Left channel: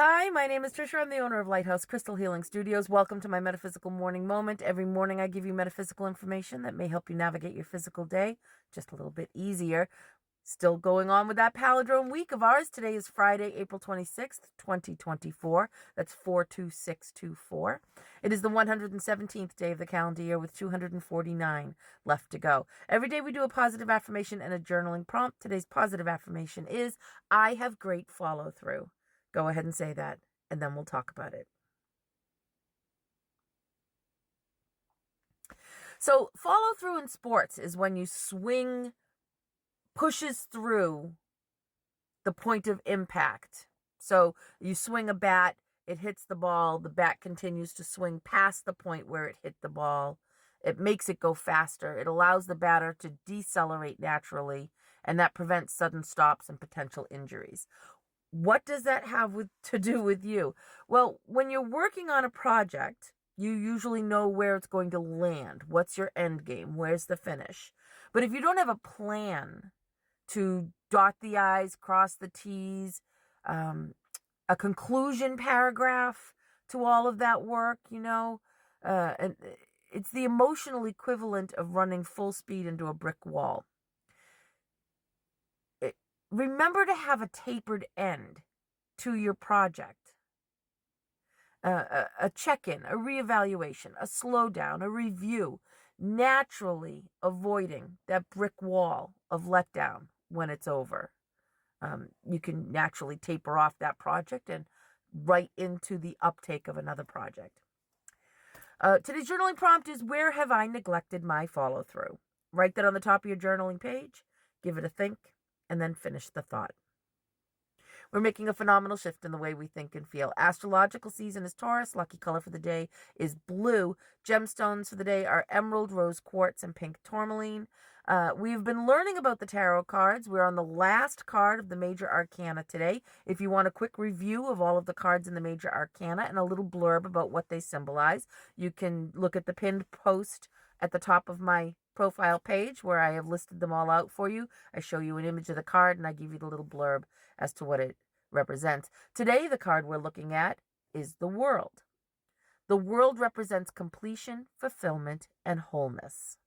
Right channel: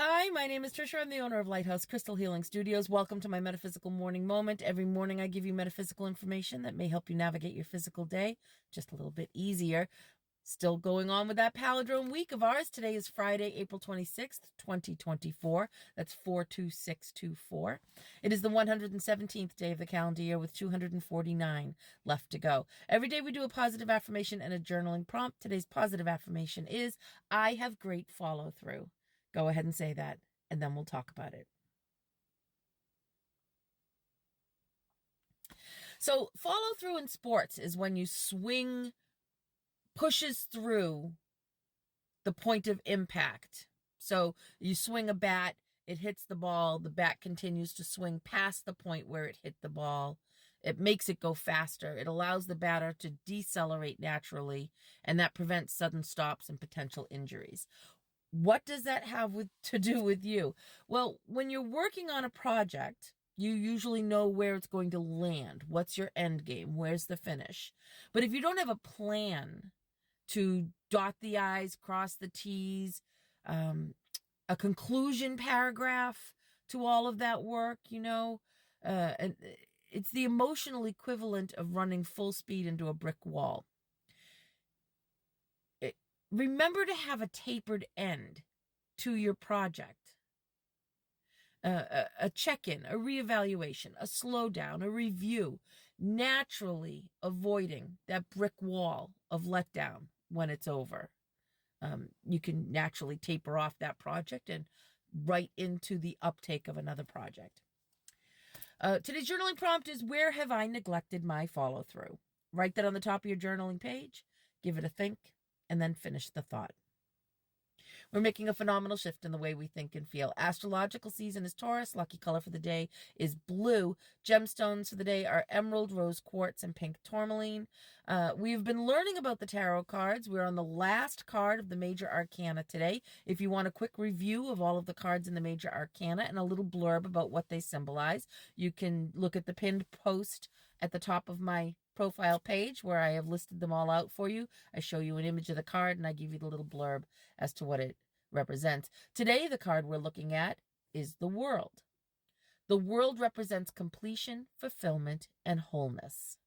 Hi, my name is Trisha. I'm the owner of Lighthouse Crystal Healing Studios. Welcome to my Metaphysical Morning Moment. Every morning I give you metaphysical information that may help you navigate your physical day just a little bit easier. Still going on with that palindrome week of ours. Today is Friday, April 26th, 2024. That's 42624. It is the 117th day of the calendar year with 249 left to go. Every day we do a positive affirmation and a journaling prompt. Today's positive affirmation is, I have great follow through. Go ahead and say that, and then we'll talk about it. So follow through in sports is when you swing pushes through the point of impact. So you swing a bat, it hits the ball, the bat continues to swing past the point where it hit the ball. It makes it go faster. It allows the batter to decelerate naturally, and that prevents sudden stops and potential injuries. What does that have to do with you? Well, when you're working on a project, you usually know where it's going to land. What's your end game? Where's the finish? But if you don't have a plan to dot the I's, cross the T's, a conclusion paragraph to all of that work, and it's the emotional equivalent of running full speed into a brick wall. Remember to have a tapered end to your project. A check-in, a reevaluation, a slowdown, a review, naturally avoiding that brick wall of letdown when it's over. You can naturally taper off that project and right into the uptake of another project. Today's journaling prompt is, where have I neglected my follow-through? Write that on the top of your journaling page, give it a think, and then finish the thought. We're making a phenomenal shift in the way we think and feel. Astrological season is Taurus. Lucky color for the day is blue. Gemstones for the day are emerald, rose quartz, and pink tourmaline. We've been learning about the tarot cards. We're on the last card of the major arcana today. If you want a quick review of all of the cards in the major arcana and a little blurb about what they symbolize, you can look at the pinned post at the top of my profile page where I have listed them all out for you. I show you an image of the card and I give you the little blurb as to what it represents. Today, the card we're looking at is the World. The World represents completion, fulfillment, and wholeness.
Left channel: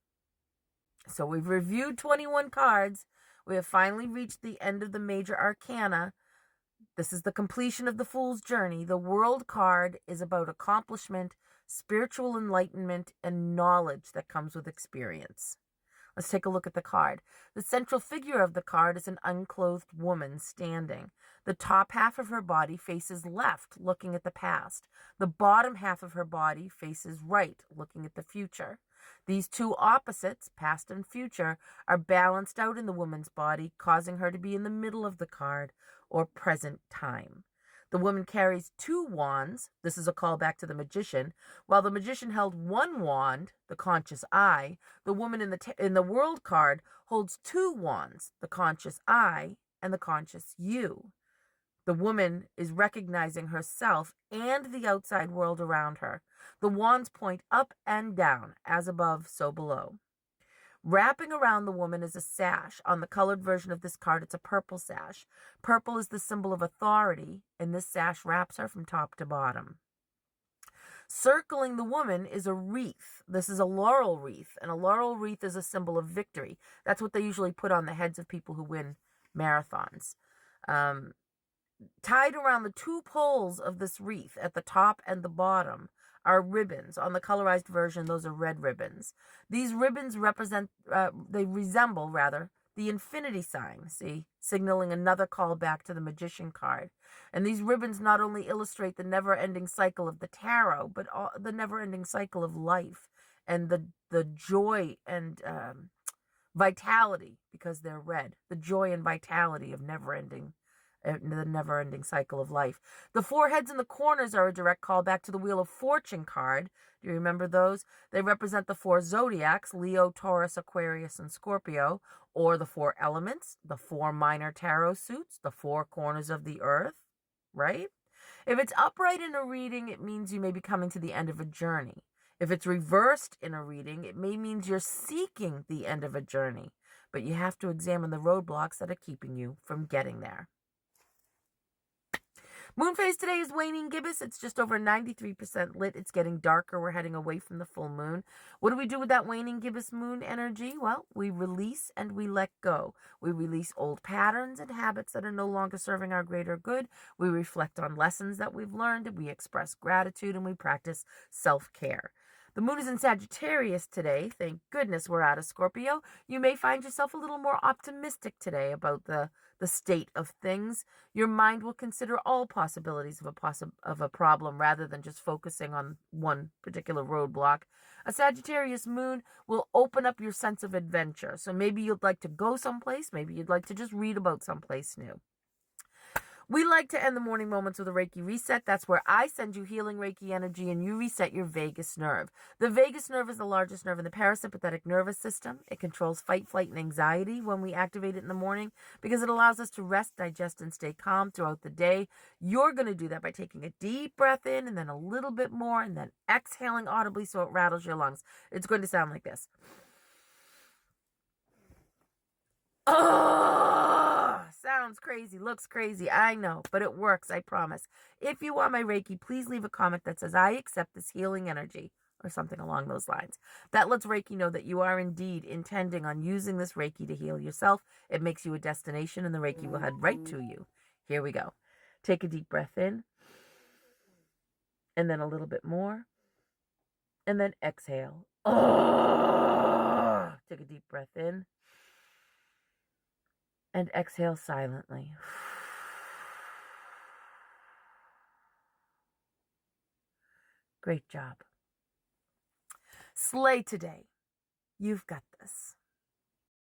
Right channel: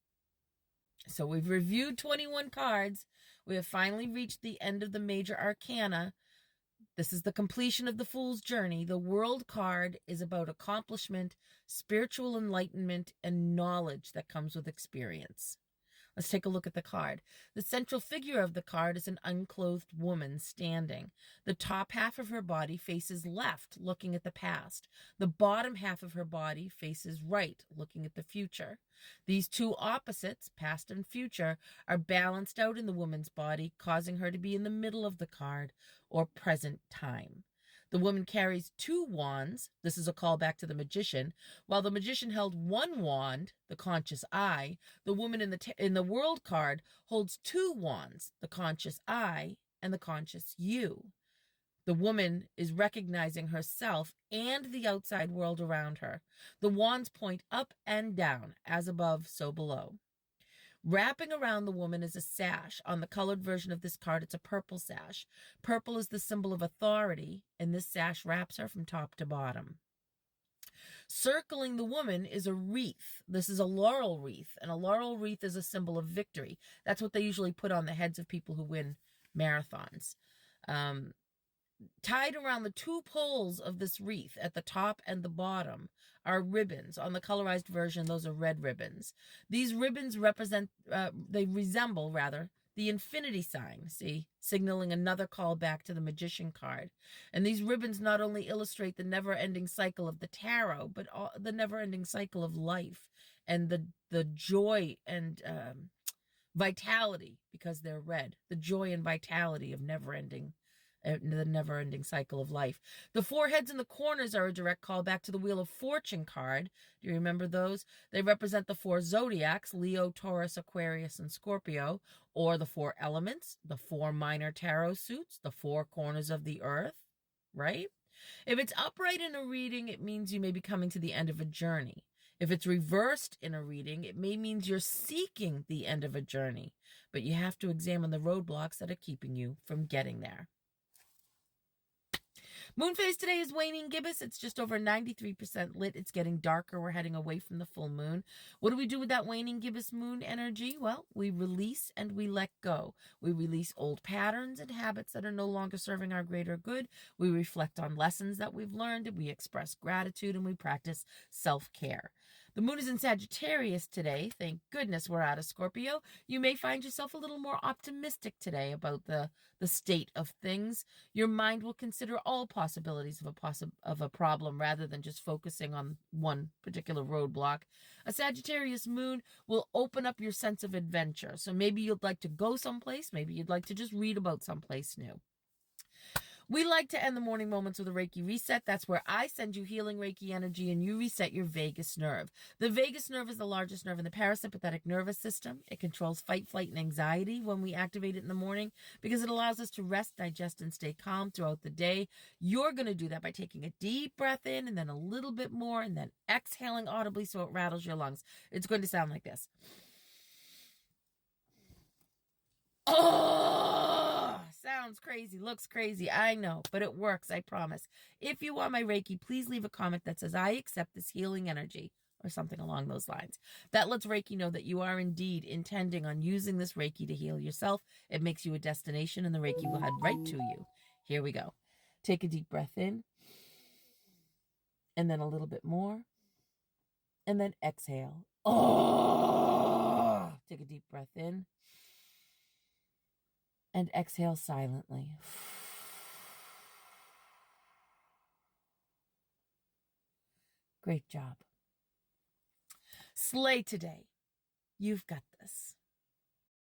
So we've reviewed 21 cards. We have finally reached the end of the major arcana. This is the completion of the Fool's Journey. The World card is about accomplishment, spiritual enlightenment, and knowledge that comes with experience. Let's take a look at the card. The central figure of the card is an unclothed woman standing. The top half of her body faces left, looking at the past. The bottom half of her body faces right, looking at the future. These two opposites, past and future, are balanced out in the woman's body, causing her to be in the middle of the card, or present time. The woman carries two wands. This is a callback to the magician. While the magician held one wand, the conscious I, the woman in the World card holds two wands, the conscious I and the conscious you. The woman is recognizing herself and the outside world around her. The wands point up and down, as above, so below. Wrapping around the woman is a sash. On the colored version of this card, it's a purple sash. Purple is the symbol of authority, and this sash wraps her from top to bottom. Circling the woman is a wreath. This is a laurel wreath, and a laurel wreath is a symbol of victory. That's what they usually put on the heads of people who win marathons. Tied around the two poles of this wreath at the top and the bottom are ribbons. On the colorized version, those are red ribbons. These ribbons resemble the infinity sign, see, signaling another call back to the magician card. And these ribbons not only illustrate the never-ending cycle of the tarot, but the never-ending cycle of life and the joy and vitality, because they're red, the joy and vitality of the never-ending cycle of life. The four heads in the corners are a direct callback to the Wheel of Fortune card. Do you remember those? They represent the four zodiacs, Leo, Taurus, Aquarius, and Scorpio, or the four elements, the four minor tarot suits, the four corners of the earth, right? If it's upright in a reading, it means you may be coming to the end of a journey. If it's reversed in a reading, it may mean you're seeking the end of a journey, but you have to examine the roadblocks that are keeping you from getting there. Moon phase today is waning gibbous. It's just over 93% lit. It's getting darker. We're heading away from the full moon. What do we do with that waning gibbous moon energy? Well, we release and we let go. We release old patterns and habits that are no longer serving our greater good. We reflect on lessons that we've learned. We express gratitude and we practice self-care. The moon is in Sagittarius today. Thank goodness we're out of Scorpio. You may find yourself a little more optimistic today about the state of things. Your mind will consider all possibilities of a problem rather than just focusing on one particular roadblock. A Sagittarius moon will open up your sense of adventure. So maybe you'd like to go someplace. Maybe you'd like to just read about someplace new. We like to end the morning moments with a Reiki reset. That's where I send you healing Reiki energy and you reset your vagus nerve. The vagus nerve is the largest nerve in the parasympathetic nervous system. It controls fight, flight, and anxiety when we activate it in the morning because it allows us to rest, digest, and stay calm throughout the day. You're going to do that by taking a deep breath in and then a little bit more and then exhaling audibly so it rattles your lungs. It's going to sound like this. Oh, sounds crazy, looks crazy, I know, but it works, I promise. If you want my Reiki, please leave a comment that says, I accept this healing energy, or something along those lines. That lets Reiki know that you are indeed intending on using this Reiki to heal yourself. It makes you a destination, and the Reiki will head right to you. Here we go. Take a deep breath in, and then a little bit more, and then exhale. Oh, take a deep breath in. And exhale silently. Great job. Slay today. You've got this.